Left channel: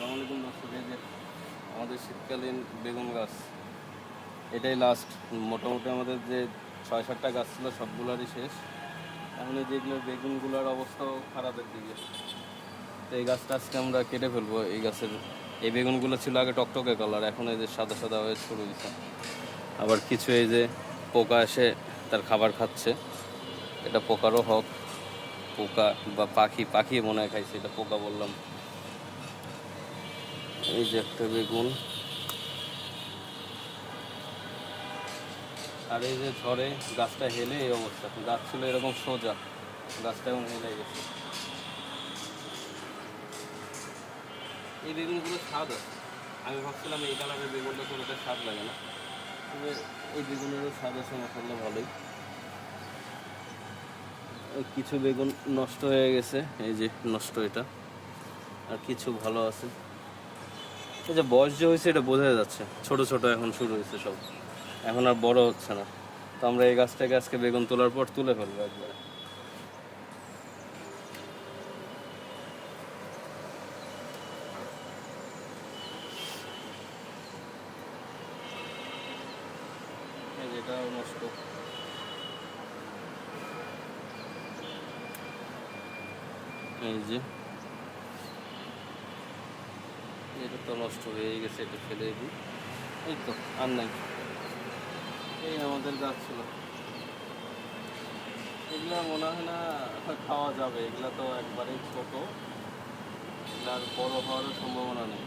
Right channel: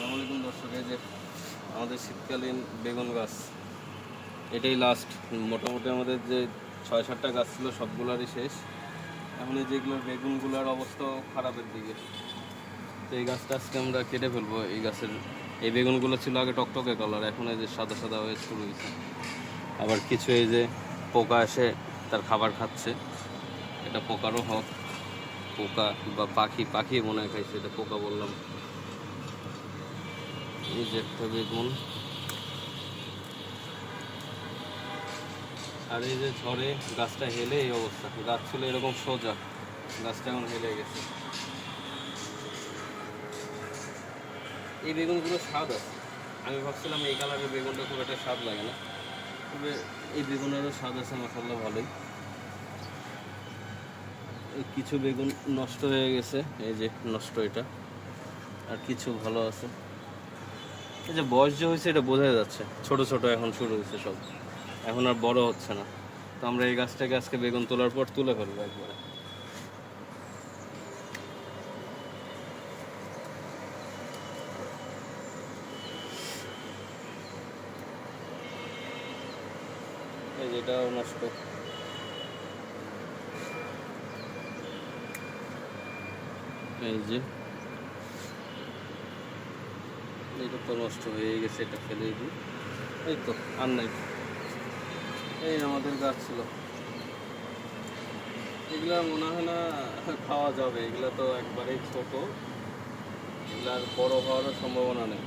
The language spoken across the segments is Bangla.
আসসালামু আলাইকুম দর্শক। এই যে আমাদের শীতকালীন বেগুন গাছ, এটাই লাস্ট। মোটামুটি আমাদের যে 6-7টা গাছ ছিল সবগুলোরই শেষ। এখন এই যেগুলো বেগুনগুলোর অবস্থাও খারাপের দিকে। তো এই গাছটা আজকে আমরা কেটে ফেলবো। এই গাছের এই বেগুনগুলো ছিল আগে টকটকে কালার, এখন এই যে সাদা সাদা হয়ে শুরু হয়েছে। আবার কিছু এই যে পোকা এসে তার খাবার খাচ্ছে। এটা পোকারও হোক, পোকা বা পাখি মনে হয় খাইছে, এটা পোকা বললাম। এই যে একটা বেগুন, আর এই যে ঝড়ে গাছটা হেলে এই অবস্থা। গাছ ছিল এরকম সোজা, গাছটা এখন হেলে গেছে। এই বেগুনগুলো স্বাদ আছে। আমি ভাবছিলাম এই কালারের বেগুনটা খুব একটা স্বাদ লাগে না, তবে এই বেগুনেরও স্বাদ আছে মাশাআল্লাহ ভালোই। কিছু বেগুন নষ্ট হয়ে গেছে, এই যে নষ্ট এটা, আর কিছু ভালো আছে। এই যে বয়স যে হয়েছে এটা বোঝা যাচ্ছে, ছোট ছোট এখন শুরু হয়েছে সব, এখন আর বড় হচ্ছে না। তো আমরা এই গাছটাকে আজকে বেগুন তোলার পর তুলে ফেলবো একবার। এই যেটাও নষ্ট, এই যে এটা তো নষ্ট হয়ে গেছে, এটা ফেলে দিই। এই তো আর নাই। এই আমাদের গাছ ছিল, এগুলা মনে হয় না খাওয়া যাবে। এগুলা তো একবারেই ছোট, এগুলার বড় হওয়ারও সম্ভাবনা নেই।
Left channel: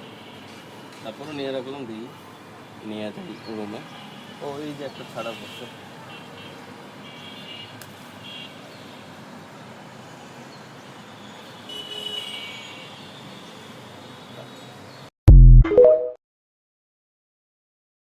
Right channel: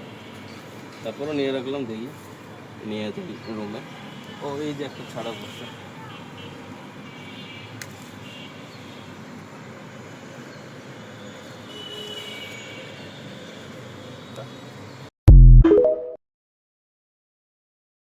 তারপরে নিয়ে রাখলাম, দিই নিয়ে দিই রুমে। ও এই যে একটা ছাড়া পড়ছে।